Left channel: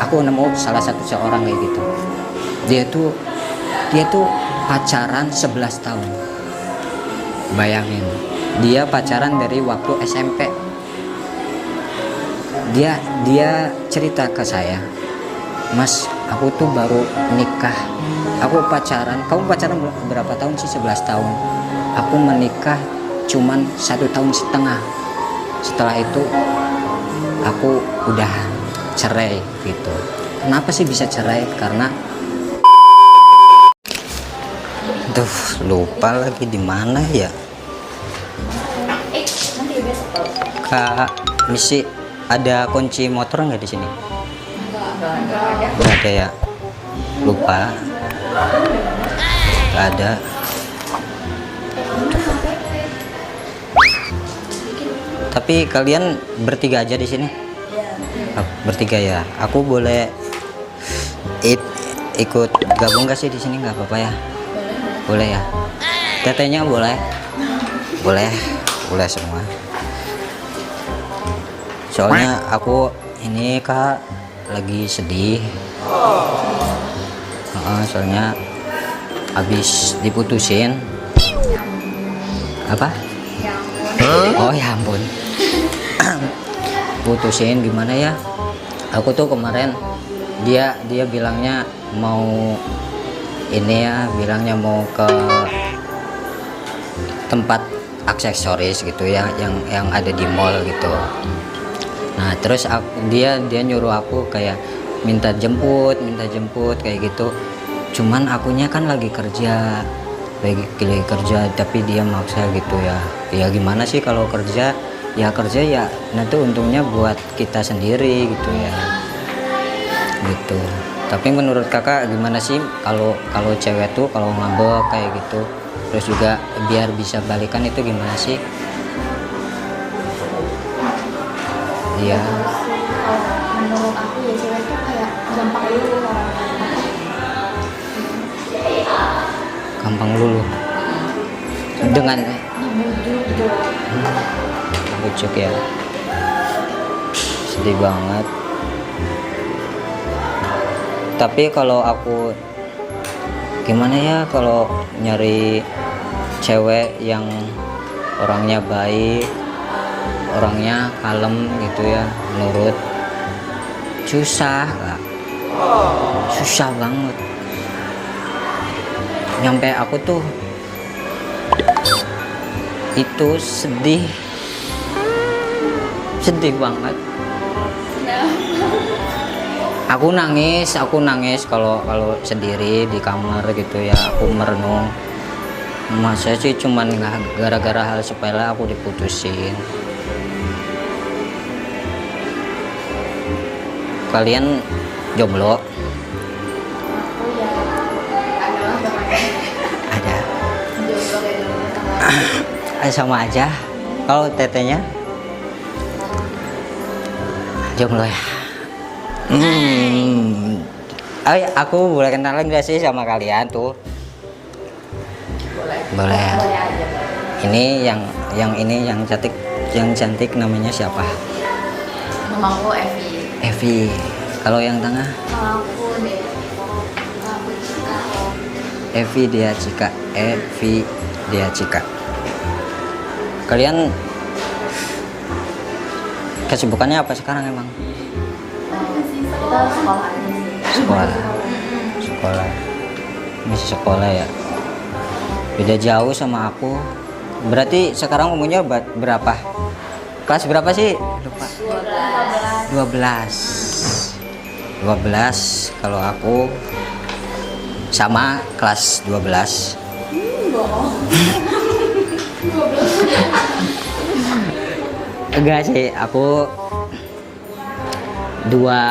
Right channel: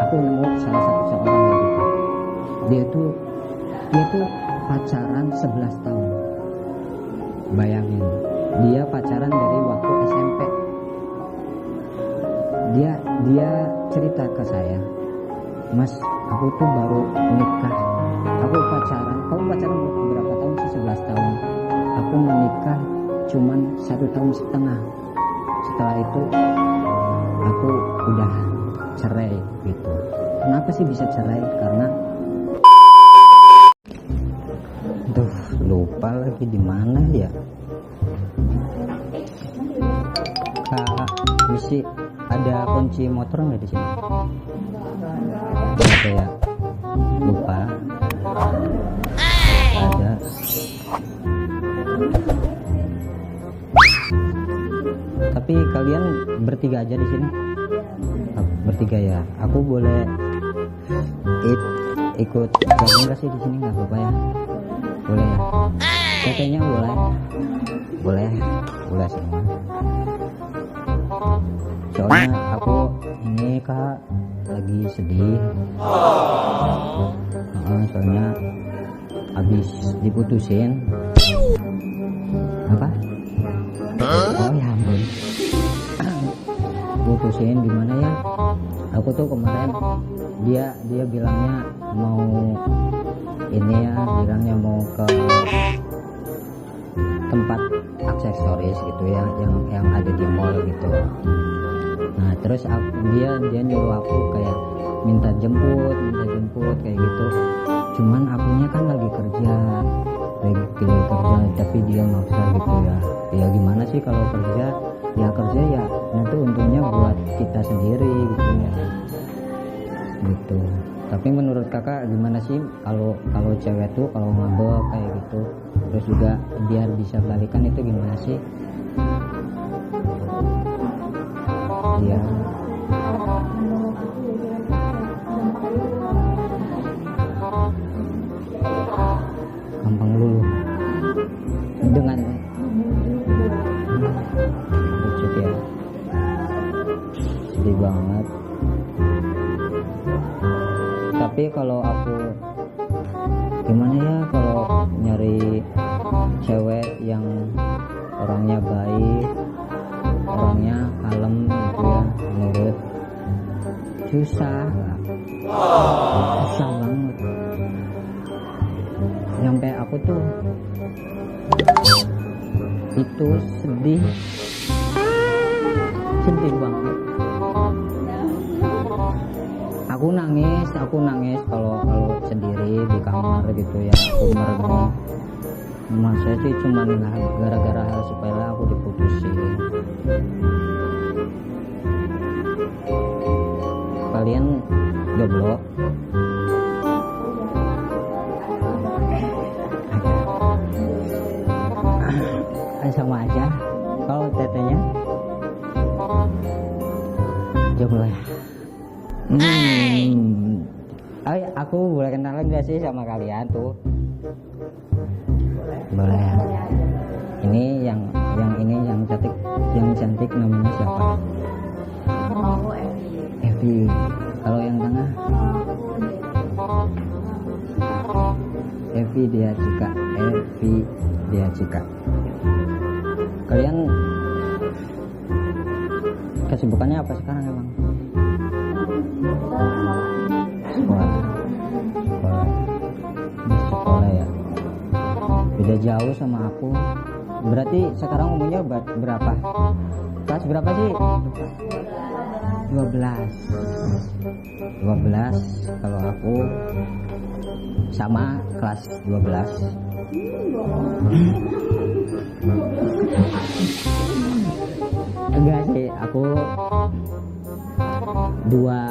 aku nemu salah satu seorang kayak gitu. Dia tuh pacaran 11 tahun. Bayangin, dia pacaran dari waktu SMP. Dia cerita ke saya, Mas, aku tuh baru nikah. Aku pacaran, kamu pacaran berapa tahun sih? 11 tahun. Aku menikah cuman 1,5 tahun. Setelah itu aku udah cerai gitu. Kenapa sih bisa cerai? Karena lupa lagi di mana ya. Kak, misi ada kunci motor nggak di sini? Nggak ada ya. Lupa. Nggak ada. Tapi kalian bertiga aja di sini? Bertiga ya. Aku boleh ikut gabung gak sih di sini? Nggak apa-apa ya? Boleh ya? Tetenya boleh? Boleh semua. Soalnya aku ini Kak lagi sedih. Soalnya habis diputusin. Apa? Oh ya ampun. Putusin gimana ya? Aku tuh kemarin dia bilangnya mau ini ya, bilangnya mau ke tempat aksesoris gitu ya, yang ada di mall gitu. Nah terus dia nyuruh aku kayak minta jemput kayak gitu. Cuman akunya kan lagi kerja, tapi dia maksa gitu ya. Ya gimana sih kalau kerja ya nanti untungnya buat kita sendiri gitu ya. Gitu. Tapi menurut kakak gimana sih kalau cewek tuh kalau ngambek kayak gitu, terus juga biar bisa balikan itu gimana sih? Iya. Menurut aku ya cewek tuh kayak Gampang luluh. Dengan bujuk ya. Sedih banget. Tapi kalau aku gimana ya kalau nyari cewek yang orangnya baik, orangnya kalem gitu ya, nurut, susah banget. Nyampe aku tuh itu sedih banget. Aku nangis kalau sendiri di kamar gitu ya. Aku merenung, masa sih cuman gara-gara hal sepele aku diputusin. Kalian jomblo? Ada. Sama aja. Kalau tetenya jomblo ya. Aku boleh kenalan gak sih sama kalian tuh? Boleh. Ini yang cantik namanya siapa? Namaku Evi. Kalau yang tengah? Evi Dia Cika. Kalian kesibukannya apa sekarang emang? Sekolah. Masih sekolah ya. Beda jauh sama aku. Berarti sekarang umurnya berapa? Kelas berapa sih? Lupa. 12. Kalau aku sama kelas 12. Enggak sih, aku dua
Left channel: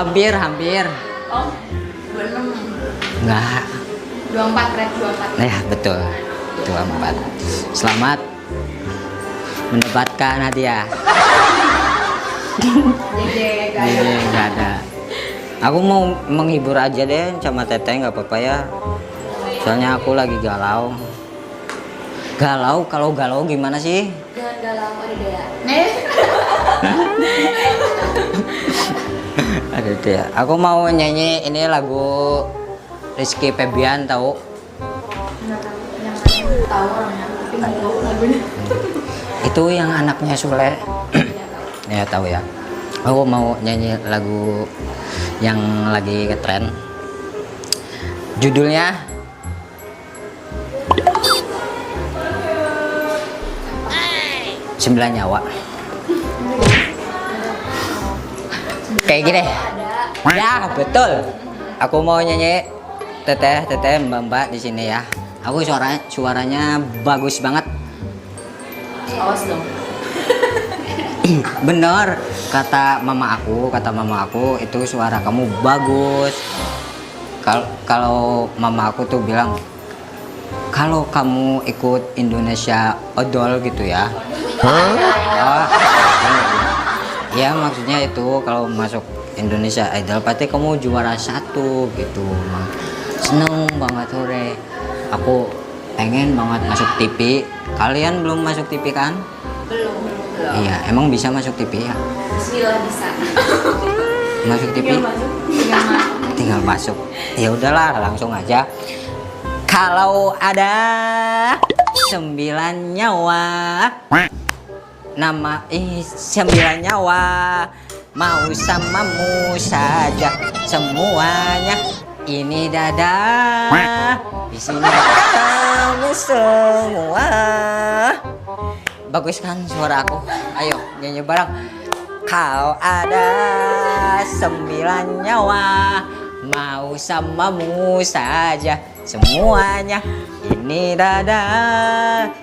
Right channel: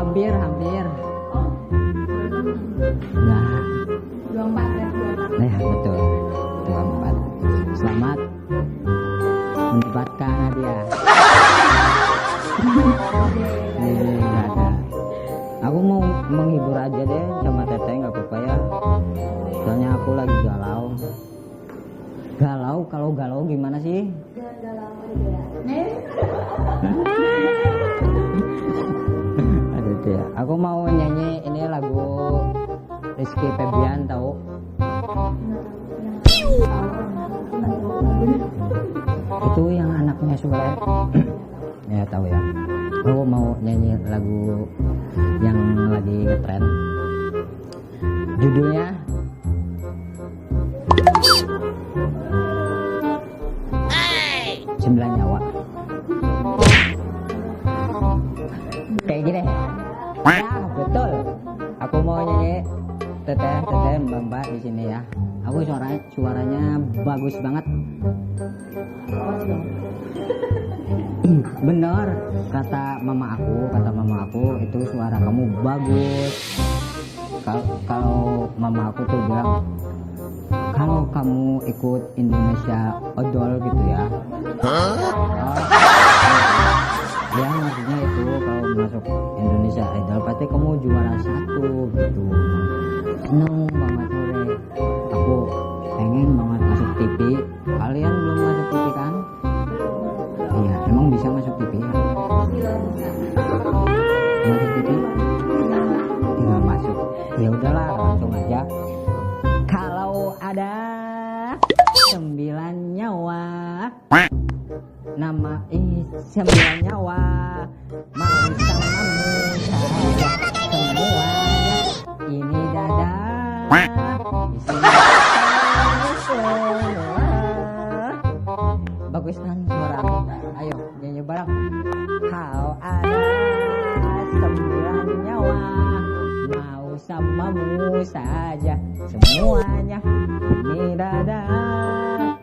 hampir enggak 24. ya betul 24. Selamat mendapatkan hadiah. Nggak ada. Aku mau menghibur aja deh sama teteh, nggak apa-apa ya, soalnya aku lagi galau. Galau, kalau galau gimana sih? Jangan galau ada dia. Nih. Ada dia. Aku mau nyanyi ini lagu Rizky Febian tahu? Nggak tahu. Yang tahu orangnya, tapi nggak tahu lagunya. Itu yang anaknya Sule. Ya tahu ya. Aku mau nyanyi lagu yang lagi ngetren. Judulnya Sembilan Nyawa. Kayak gini. Ya betul. Aku mau nyanyi teteh mbak di sini ya. Aku suaranya bagus banget. Awas dong. Bener kata mama aku itu suara kamu bagus. Kalau mama aku tuh bilang kalau kamu ikut Indonesia Idol gitu ya. Oh, ya maksudnya itu kalau masuk Indonesia Idol pasti kamu juara 1 gitu. Seneng banget sore. Aku pengen banget masuk TV. Kalian belum masuk TV kan? Belum. Iya, emang bisa masuk TV ya? Bismillah bisa. Masuk TV? Tinggal masuk. Ya udahlah, langsung aja. Kalau ada 9 nyawa, nama 9 nyawa, mau samamu saja semuanya. Ini dada, isinya kamu semua. Bagus kan suara aku? Ayo nyanyi bareng. Kau ada 9 nyawa, mau samamu saja semuanya. Ini dada,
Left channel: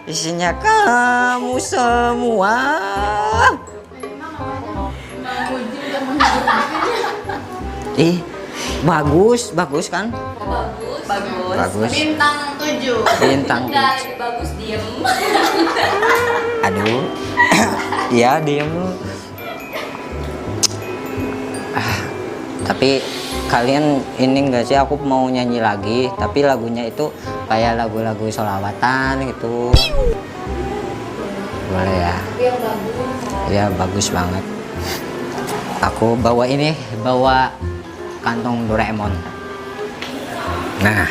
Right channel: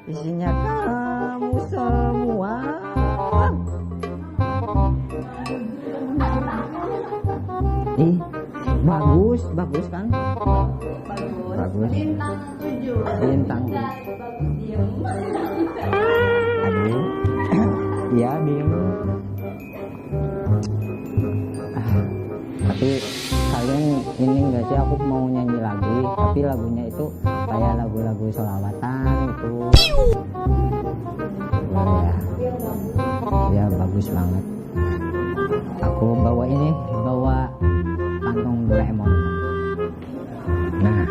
isinya kamu semua. Ih, bagus kan? Bagus. Bintang 7. Bintang. Enggak, bagus diem. Aduh, ya diem. Tapi kalian ini enggak sih, aku mau nyanyi lagi, tapi lagunya itu kayak lagu-lagu sholawatan gitu. Boleh ya? Yang bagus. Ya bagus banget. Aku bawa kantong Doraemon. Nah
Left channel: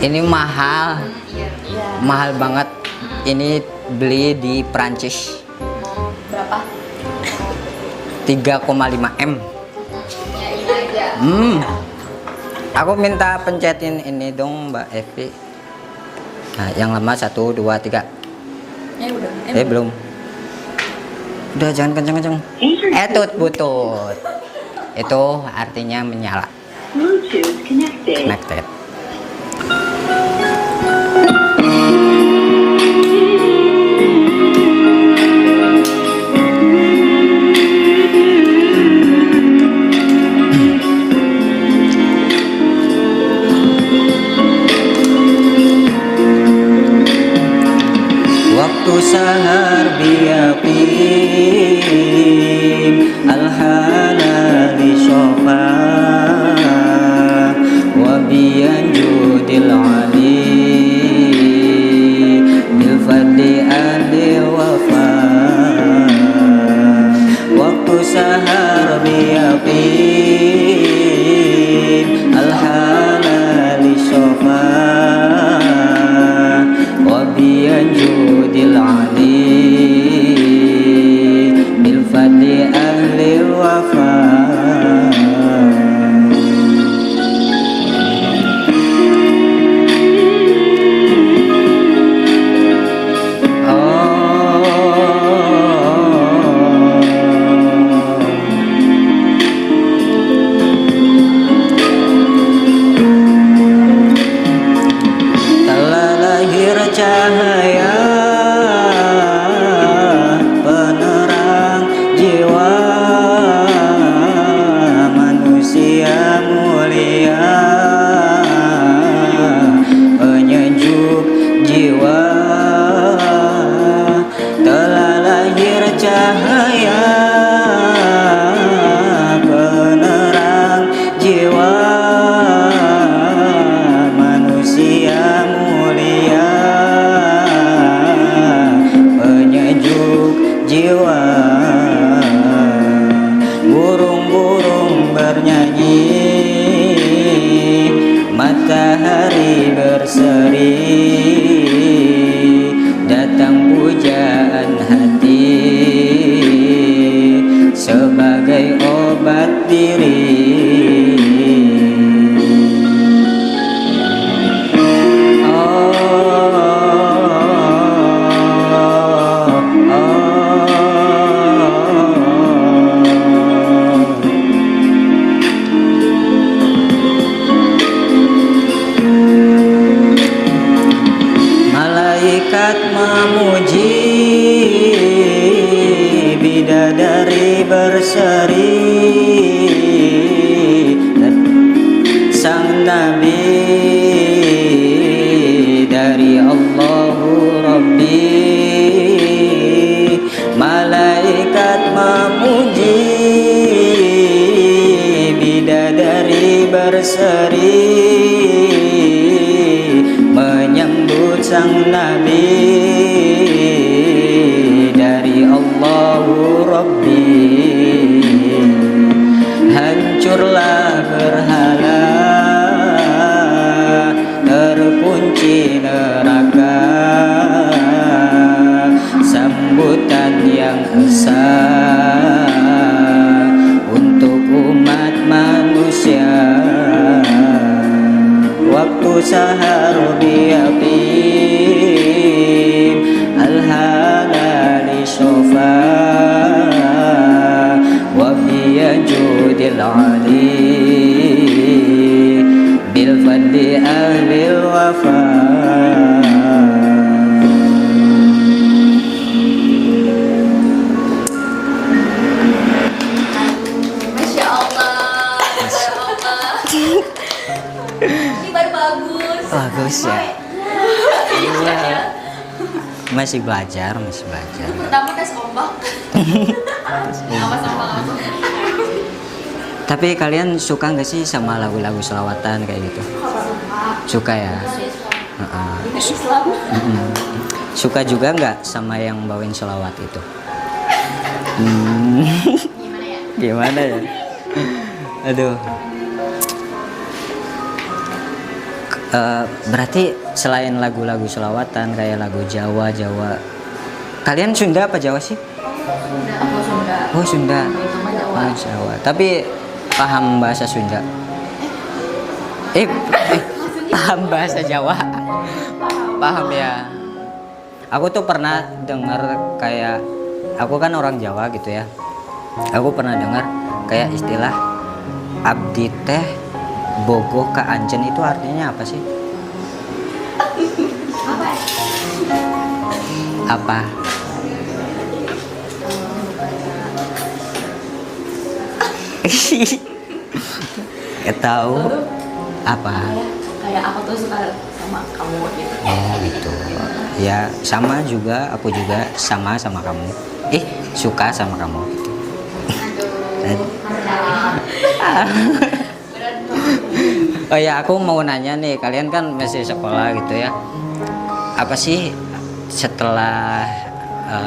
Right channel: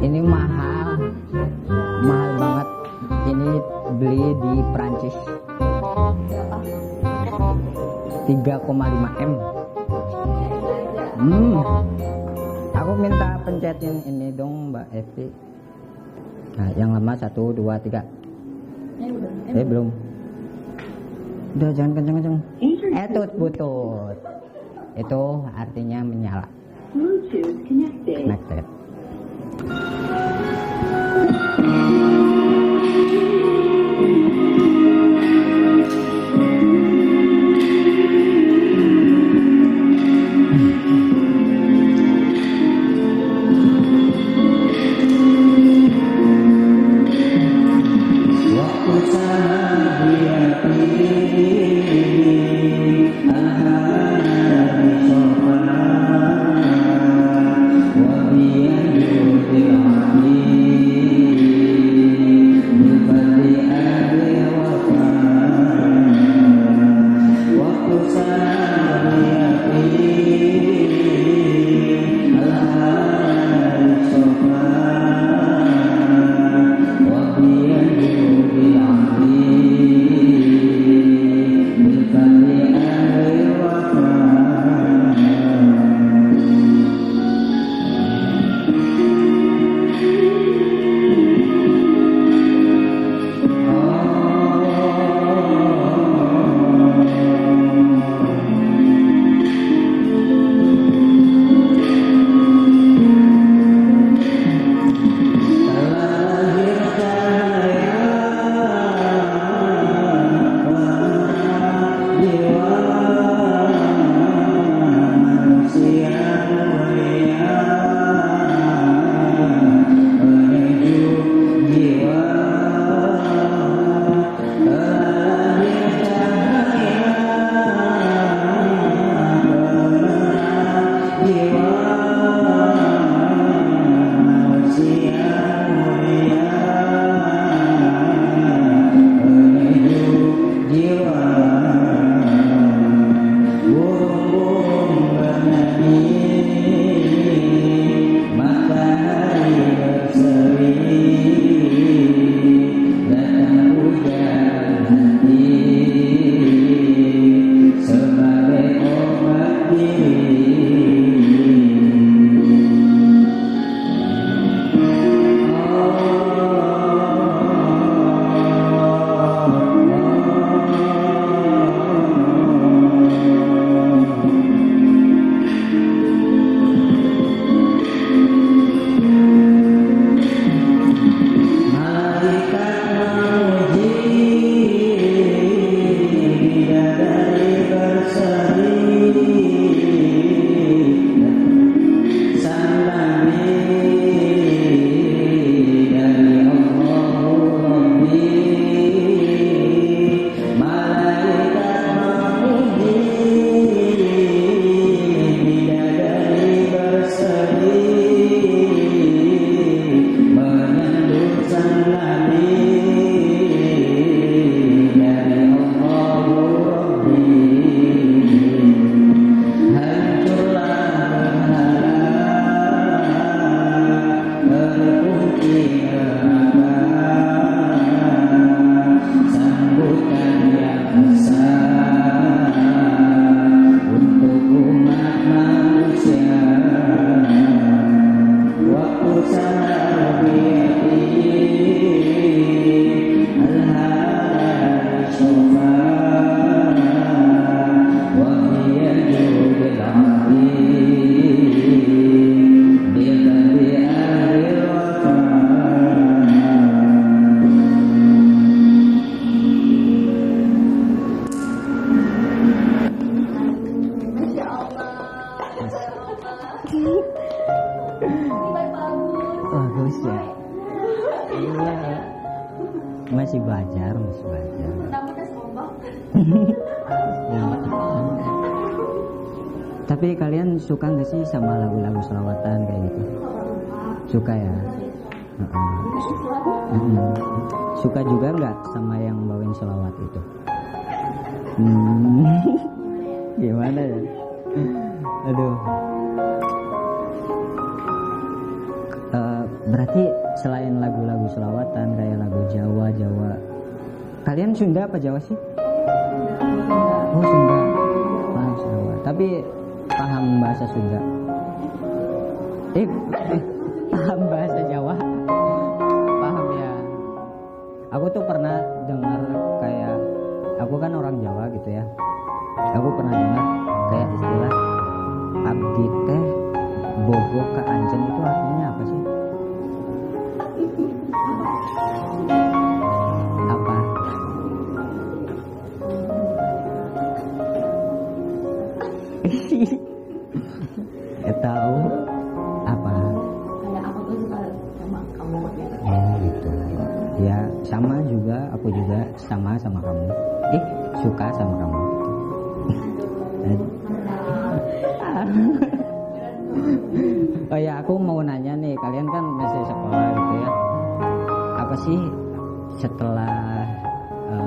ini mahal banget. Ini beli di Prancis. Berapa? 3,5 M. Ya ini aja. Aku minta pencetin ini dong Mbak Evi. Nah, yang lama 1, 2, 3. Udah. Belum. Udah jangan kenceng-kenceng. Butut. Itu artinya menyala. Bluetooth Connected. Waktu sahar biyaqin alhana di sofa wa biyanjudil ali bil fadli adil wafa. Waktu sahar biyaqin alhana di sofa wa biyanjudil ali memuji bidadari berseri sang Nabi dari Allahu Rabbi. Malaikat memuji bidadari berseri menyambut sang Nabi dari Allahu Rabbi. Hancurlah berhala, terkunci neraka, sambutan yang besar untuk umat manusia. Waktu sahar biyaqin al-halali sofa wa biyajudil ali bil fadli ahlil wafa. Masya Allah. Masya Allah. Ini baru bagus. Bagus ya. Iya. Masih belajar, masih belajar. Pertama tes ombak. Sama-sama. Tapi kalian suka nggak sih sama lagu-lagu selawatan kayak gitu? Suka ya? Heeh. Islam. Mm-mm. Suka juga nggak sama yang bawain selawat itu? Gimana ya? Gimana ya? Aduh. Berarti selain lagu-lagu selawatan kayak lagu Jawa, kalian Sunda apa Jawa sih? Aku Sunda. Oh Sunda. Itu mah Jawa. Oh, Jawa. Tapi paham bahasa Sunda? Paham bahasa Jawa? Paham ya. Aku tuh pernah dengar kayak, aku kan orang Jawa gitu ya. Aku pernah dengar kayak istilah abdi teh bogoh ka anjen, itu artinya apa sih? Apa? Gak tahu apa. Kayak aku tuh suka sama kamu gitu. Oh gitu. Ya sama juga, aku juga sama kamu. Suka sama kamu gitu. Oh ya, aku mau nanya nih, kalian kan masih sekolah gitu ya. Apa sih setelah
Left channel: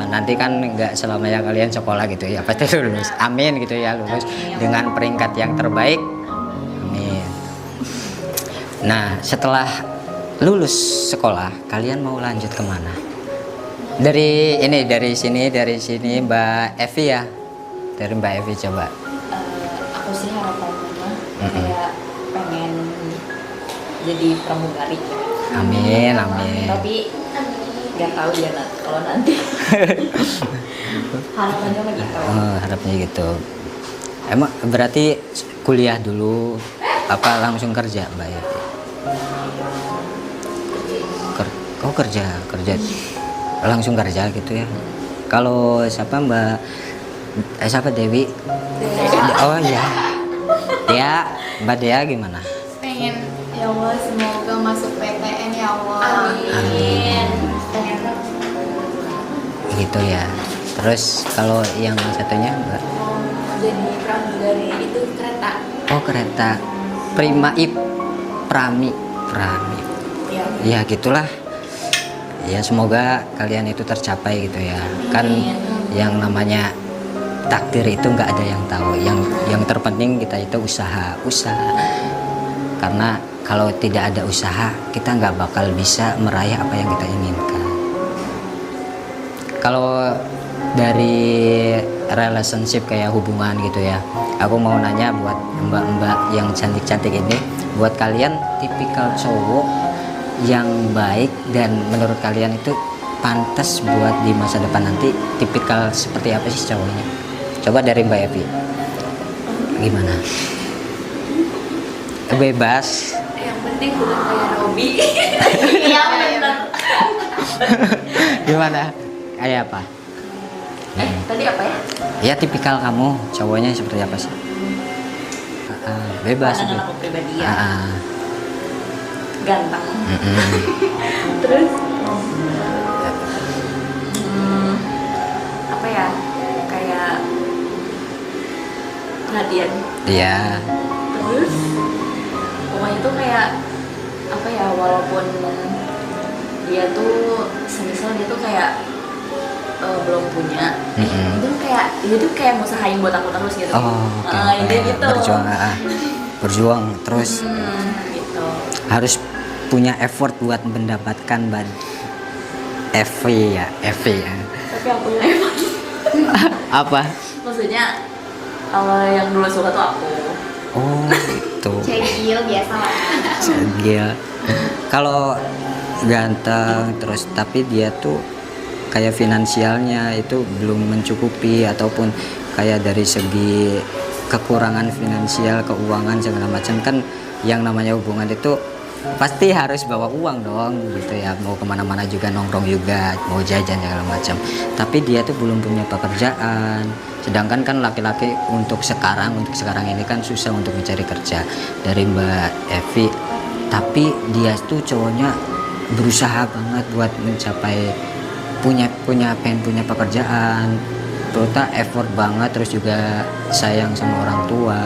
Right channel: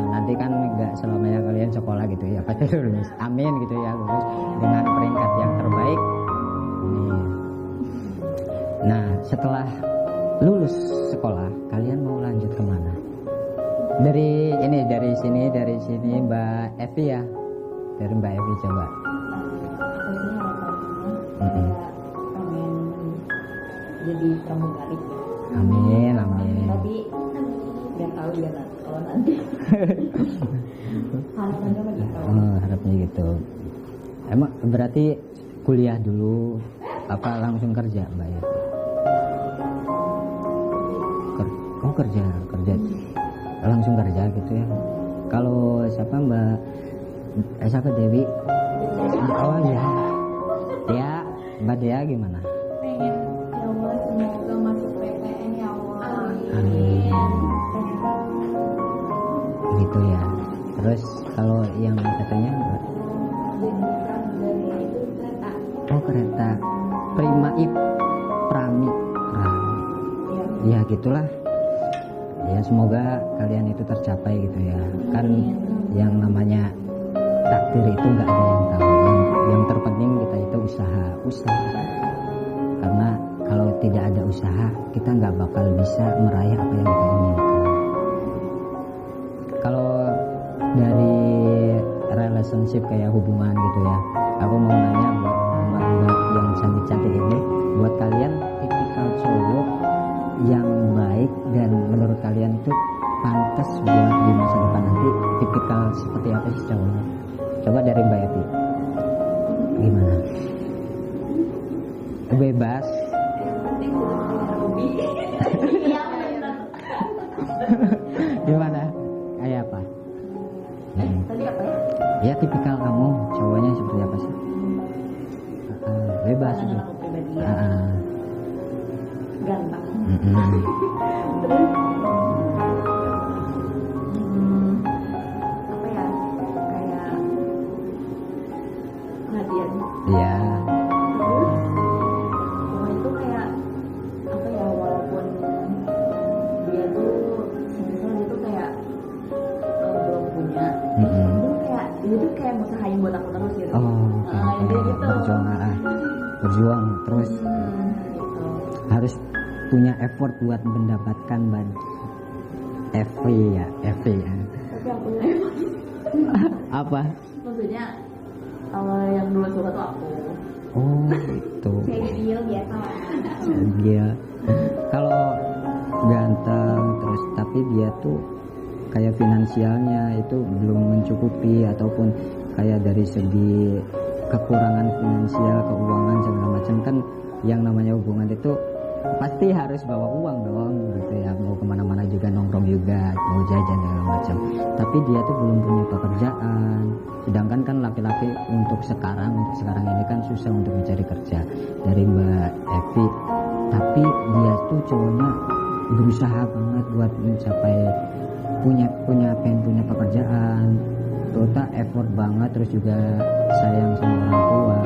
nanti kan nggak selamanya kalian sekolah gitu ya, pasti lulus. Amin gitu ya, lulus dengan peringkat yang terbaik. Amin. Nah, setelah lulus sekolah, kalian mau lanjut kemana? Dari sini Mbak Evi ya. Dari Mbak Evi coba. Aku sih harapannya kayak pengen jadi pramugari. Amin. Tapi nggak tahu ya kalau nanti. Harapannya mah gitu. Oh, harapnya gitu. Emang berarti kuliah dulu apa langsung kerja Mbak Evi? Kerja langsung kerja gitu ya. Kalau siapa Dewi? Oh iya. Mbak Dea gimana? Pengen ya Allah semoga masuk PTN ya Allah. Amin. Pengen Gitu ya. Terus kalau yang satunya Mbak? Jadi pramugari itu kereta. Oh kereta. Prami. Ya. Ya gitulah. Ya semoga kalian itu tercapai gitu ya. Kan yang namanya takdir itu nggak ada yang tahu. Yang terpenting kita itu usaha. Karena kalau tidak ada usaha, kita nggak bakal bisa meraih apa yang kita inginkan. Kalau dari relationship kayak hubungan gitu ya, aku mau nanya buat mbak-mbak yang cantik-cantik ini, buat kalian tipikal cowok yang baik dan menurut kalian itu pantas buat di masa depan nanti, tipikal seperti apa sih cowoknya? Coba dari Mbak Evi, gimana? Bebas. Yang penting udah kayak Robi. Iya benar. Gimana? Kayak apa? Tadi apa ya? Ya tipikal kamu, cowoknya seperti apa sih? Bebas. Pandangan aku pribadi ya. Ah, Ganteng. mm-mm. Terus apa ya? Kayak perhatian. Iya. Terus pokoknya itu kayak apa ya, walaupun dia tuh semisal dia tuh kayak belum punya, Mm-mm. dia tuh kayak ngusahain buat aku terus gitu. Oh, oke. Dia gitu. Berjuang terus Gitu. harus punya effort buat mendapatkan FV ya. Tapi aku yang emang Apa? maksudnya kalau yang dulu suka tuh aku. Oh, itu. Cegil biasa lah. Dia kalau ganteng terus tapi dia tuh kayak finansialnya itu belum mencukupi ataupun kayak dari segi kekurangan finansial, keuangan segala macam kan yang namanya hubungan itu pasti harus bawa uang dong gitu ya, mau kemana-mana juga nongkrong juga mau jajan segala macam, tapi dia tuh belum punya pekerjaan, sedangkan kan laki-laki untuk sekarang ini kan susah untuk mencari kerja dari Mbak Evi, tapi dia tuh cowoknya berusaha banget buat mencapai pengen punya pekerjaan, ternyata effort banget, terus juga sayang sama orang tua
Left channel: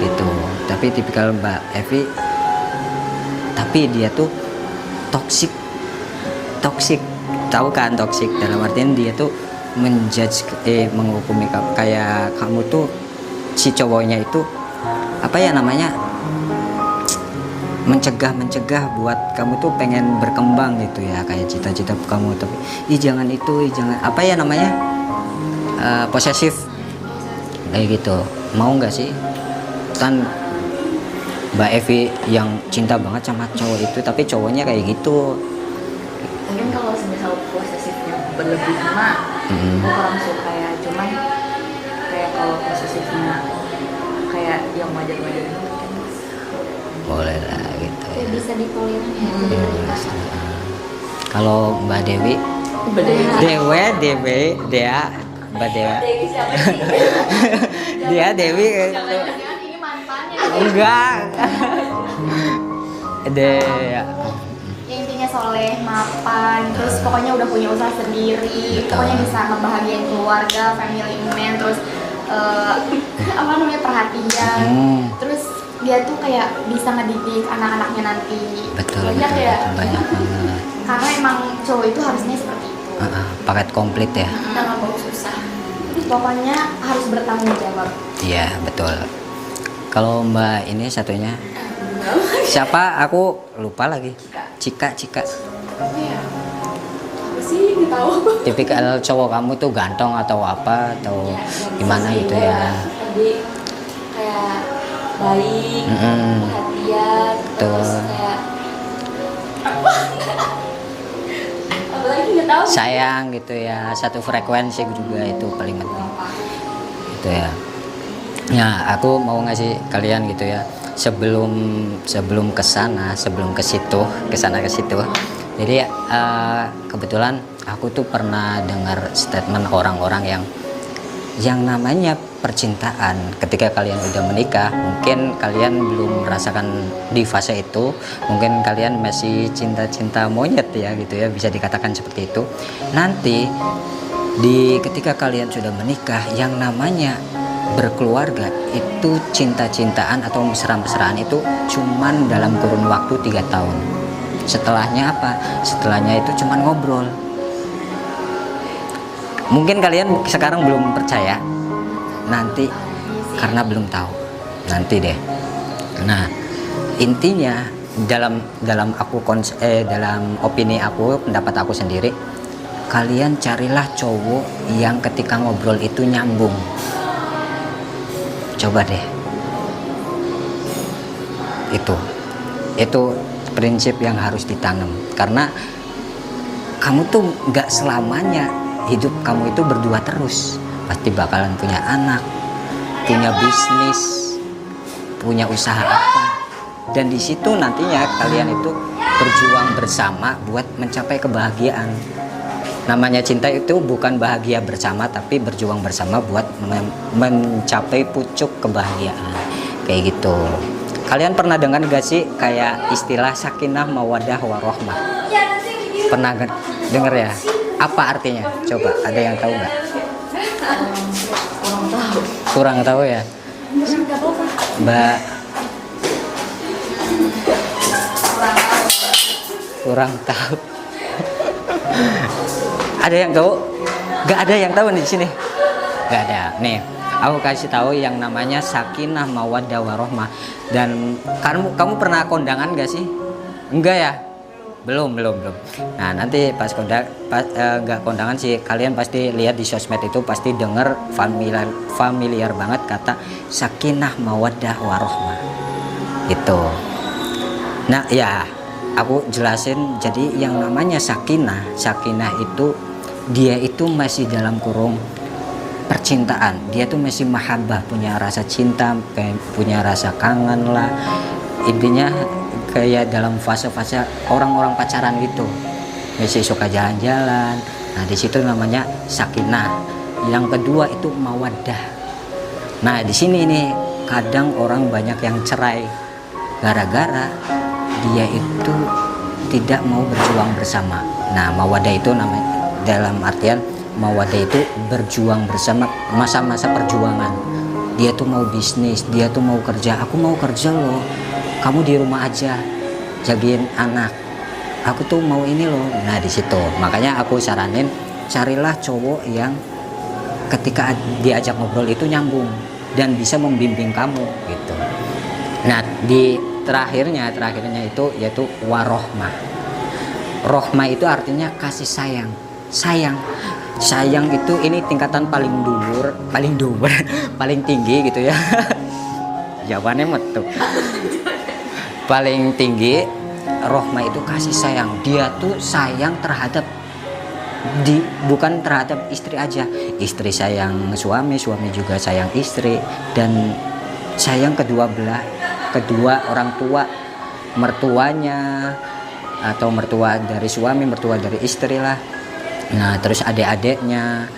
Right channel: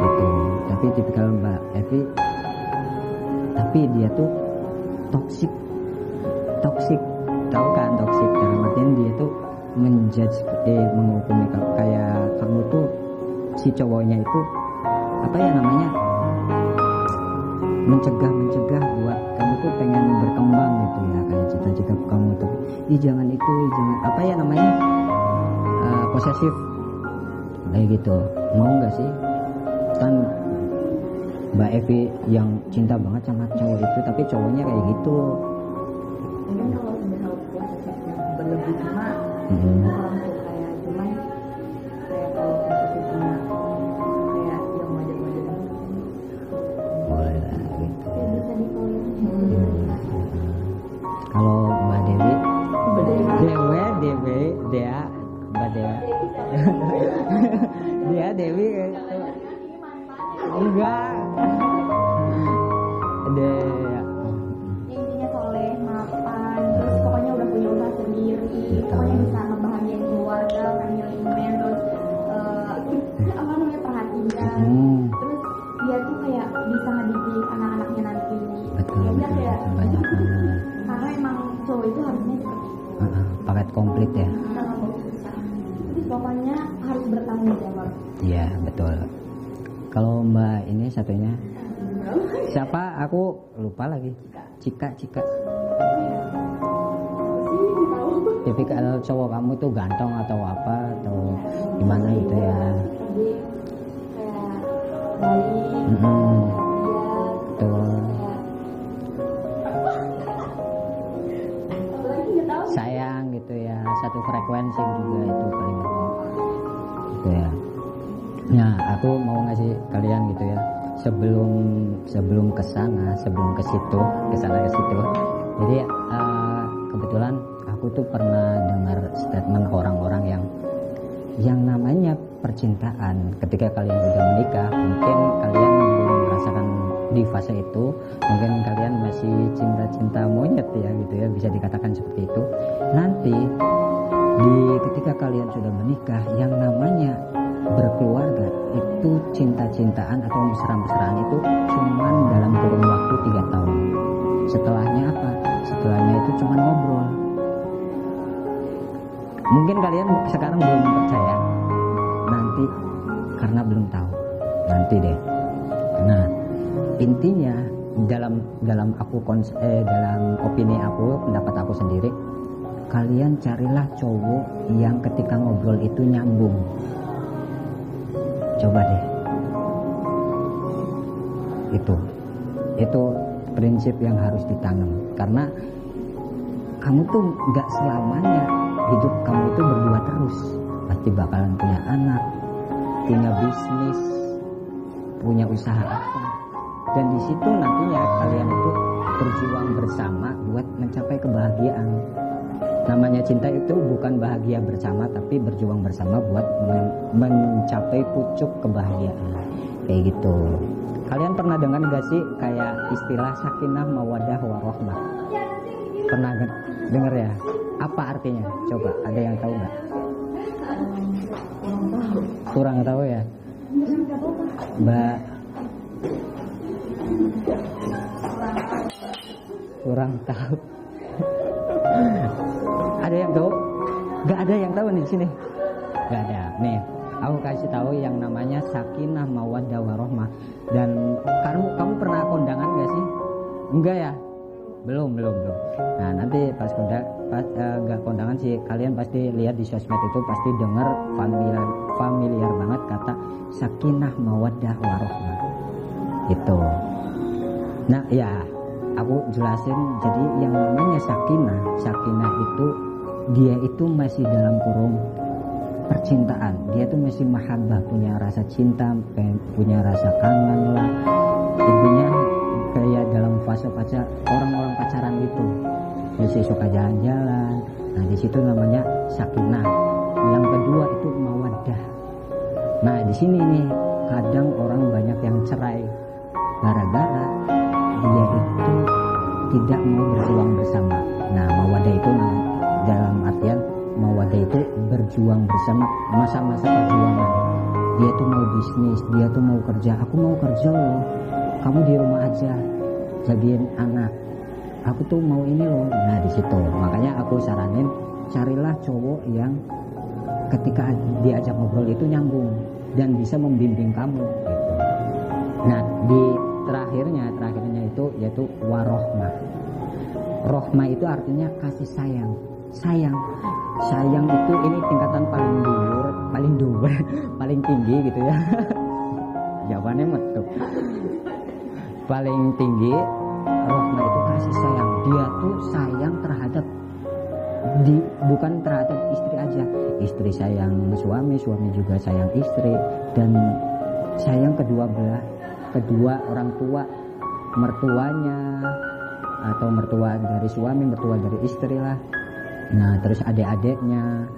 gitu. Tapi tipikal Mbak Evi, tapi dia tuh toksik, tahu kan toksik dalam artian dia tuh menghukumi kayak kamu tuh, si cowoknya itu apa ya namanya, mencegah buat kamu tuh pengen berkembang gitu ya, kayak cita-cita kamu, tapi jangan jangan apa ya namanya, posesif kayak gitu. Mau nggak sih kan Mbak Evi yang cinta banget sama cowok itu, tapi cowoknya kayak gitu. Mungkin kalau semisal posesifnya berlebih mah aku kurang suka ya, cuman kayak kalau posesifnya kayak yang wajar-wajar itu mungkin Boleh lah gitu ya. Kayak bisa ditolerir ya. Kalau Mbak Dewi, beda. Dea, Mbak Dewa, Dewi siapa sih? dia Dewi gitu. Jangan ini mantannya. Enggak. Dea. Ya intinya soleh, mapan, terus pokoknya udah punya usaha sendiri, Betul. pokoknya bisa ngebahagiain keluarga, family man, terus apa namanya, perhatian, terus dia tuh kayak bisa ngedidik anak-anaknya nanti. Betul, Banyak betul, ya, betul, banyak banget. karena emang cowok itu harusnya seperti itu. Paket komplit ya. Kita nggak mau susah. Pokoknya harus bertanggung jawab. Iya betul. Kalau Mbak ini satunya siapa? Aku lupa lagi. Cika. Iya. Apa sih yang tahu? Tipikal cowok kamu tuh ganteng atau apa atau gimana gitu ya? Tadi kayak baik, Mm-mm. perhatian, terus Betul. kayak apa lagi nggak tahu. Sayang gitu ya, satu frekuensi juga itu paling penting. Gitu ya. Ya, aku mau ngasih kalian gitu ya. Sebelum kesana, sebelum ke situ. Jadi kebetulan aku tuh pernah dengar statement orang-orang yang namanya percintaan. Ketika kalian udah menikah, mungkin kalian belum merasakan di fase itu, mungkin kalian masih cinta-cinta monyet ya gitu ya, bisa dikatakan seperti itu. Nanti ketika kalian sudah menikah, yang namanya berkeluarga itu cinta-cintaan atau mesra-mesraan itu cuman dalam kurun waktu 3 tahun. Setelahnya apa? Setelahnya itu cuman ngobrol. Mungkin kalian sekarang belum percaya, nanti karena belum tahu, nanti deh. Nah, intinya dalam opini aku, pendapat aku sendiri, kalian carilah cowok yang ketika ngobrol itu nyambung. Coba deh. Itu prinsip yang harus ditanam, karena kamu tuh nggak selamanya hidup kamu itu berdua terus, pasti bakalan punya anak, punya bisnis, punya usaha apa, dan di situ nantinya kalian itu berjuang bersama buat mencapai kebahagiaan. Namanya cinta itu bukan bahagia bersama, tapi berjuang bersama buat mencapai pucuk kebahagiaan. Kayak gitu. Kalian pernah dengar gak sih kayak istilah sakinah mawaddah warohmah? Pernah denger ya? Apa artinya? Coba ada yang tahu nggak? Kurang tahu. Kurang tahu ya? Mbak kurang tahu. Ada yang tahu? Gak ada yang tahu nih di sini. Gak ada. Nih, aku kasih tahu yang namanya sakinah mawaddah warohmah. Dan kamu pernah kondangan gak sih? Enggak ya? Belum. Nah, nanti pas nggak kondangan sih, kalian pasti lihat di sosmed itu pasti dengar familiar banget kata sakinah mawaddah warohmah. Gitu. Nah, ya, aku jelasin. Jadi yang namanya sakinah itu dia itu masih dalam kurung percintaan. Dia tuh masih mahabbah, punya rasa cinta, punya rasa kangen lah. Intinya kayak dalam fase-fase orang-orang pacaran gitu, masih suka jalan-jalan. Nah, di situ namanya sakinah. Yang kedua itu mawaddah. Nah, di sini nih kadang orang banyak yang cerai gara-gara dia itu tidak mau berjuang bersama. Nah, mawaddah itu namanya, dalam artian mawaddah itu berjuang bersama, masa-masa perjuangan. Dia tuh mau bisnis, dia tuh mau kerja. Aku mau kerja loh, kamu di rumah aja jagain anak, aku tuh mau ini loh. Nah, di situ makanya aku saranin carilah cowok yang ketika diajak ngobrol itu nyambung dan bisa membimbing kamu gitu. Nah, di terakhirnya itu yaitu warohmah. Rohmah itu artinya kasih sayang. Sayang itu ini tingkatan paling dur paling tinggi gitu ya. Jawabannya metu. Paling tinggi, rohmah itu kasih sayang. Dia tuh sayang terhadap bukan terhadap istri aja. Istri sayang suami juga sayang istri, dan sayang kedua orang tua, mertuanya atau mertua dari suami, mertua dari istri lah. Nah, terus adik-adiknya,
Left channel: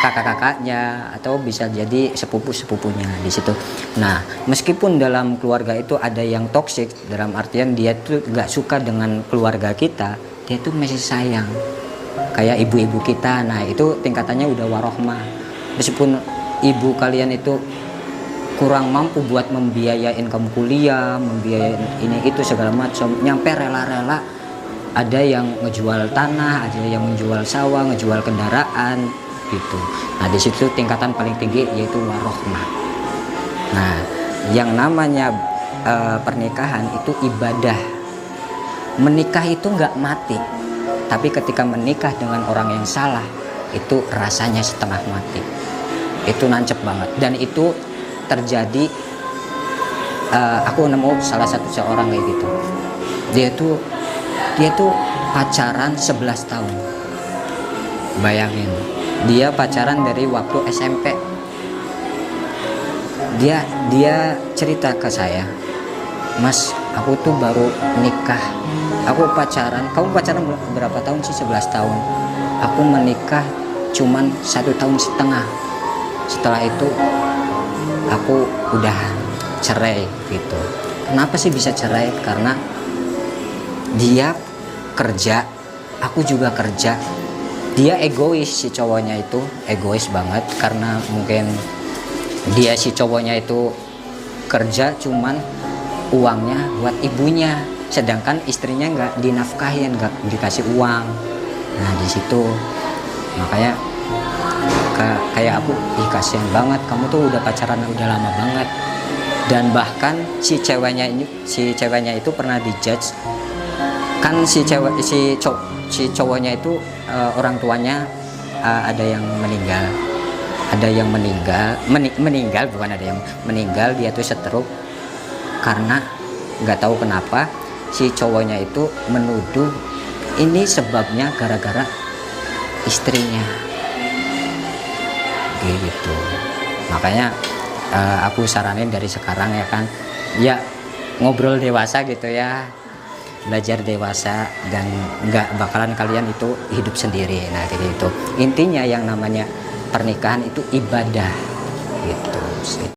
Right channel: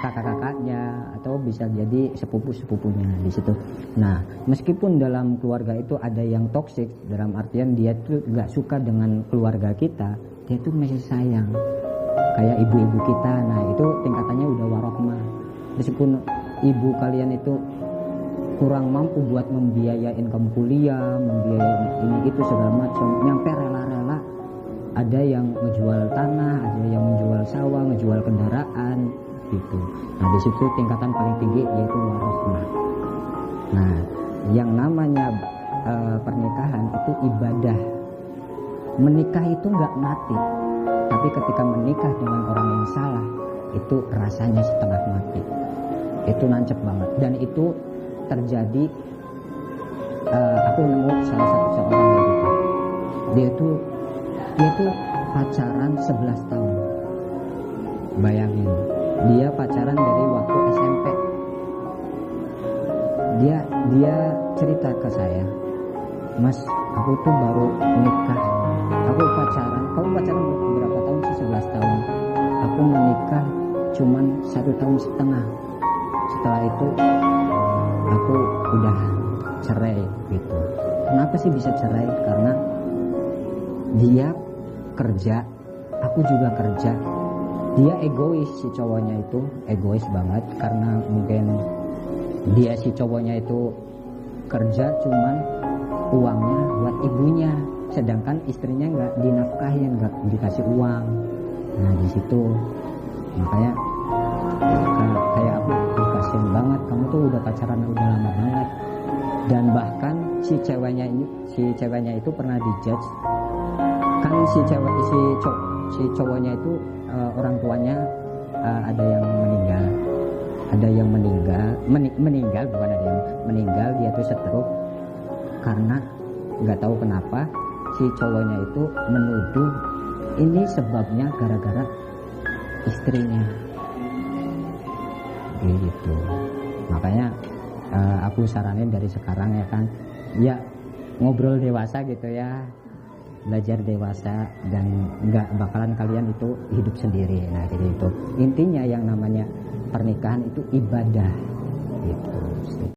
kakak-kakaknya, atau bisa jadi sepupu-sepupunya di situ. Nah, meskipun dalam keluarga itu ada yang toksik, dalam artian dia tuh gak suka dengan keluarga kita, dia tuh masih sayang. Kayak ibu-ibu kita, nah itu tingkatannya udah warohmah. Meskipun ibu kalian itu kurang mampu buat membiayain kamu kuliah, membiayain ini itu segala macam, nyampe rela-rela. Ada yang ngejual tanah, ada yang menjual sawah, ngejual kendaraan gitu. Nah, di situ tingkatan paling tinggi yaitu warohmah. Nah, yang namanya pernikahan itu ibadah. Menikah itu nggak mati, tapi ketika menikah dengan orang yang salah itu rasanya setengah mati. Itu nancep banget, dan itu terjadi. Aku nemu salah satu seorang kayak gitu. Dia tuh pacaran 11 tahun. Bayangin, dia pacaran dari waktu SMP. Dia cerita ke saya, "Mas, aku tuh baru nikah. Aku pacaran, kamu pacaran berapa tahun sih? 11 tahun. Aku menikah cuman 1,5 tahun. Setelah itu aku udah cerai gitu." Kenapa sih bisa cerai? Karena dia kerja, aku juga kerja. Dia egois, si cowoknya itu egois banget, karena mungkin dia si cowoknya itu kerja cuman uangnya buat ibunya, sedangkan istrinya nggak dinafkahin, nggak dikasih uang. Nah, di situ makanya kayak aku, kasihan banget, kamu tuh udah pacaran udah lama banget. Dan bahkan si ceweknya itu pernah dijudge kan, si cowoknya itu orang tuanya ada yang meninggal, bukan ada yang meninggal, dia tuh stroke. Karena nggak tahu kenapa si cowoknya itu menuduh ini sebabnya gara-gara istrinya gitu. Makanya aku saranin dari sekarang ya kan, ya ngobrol dewasa gitu ya. belajar dewasa dan nggak bakalan kalian itu hidup sendiri. Nah kayak gitu. Intinya yang namanya pernikahan itu ibadah gitu sih.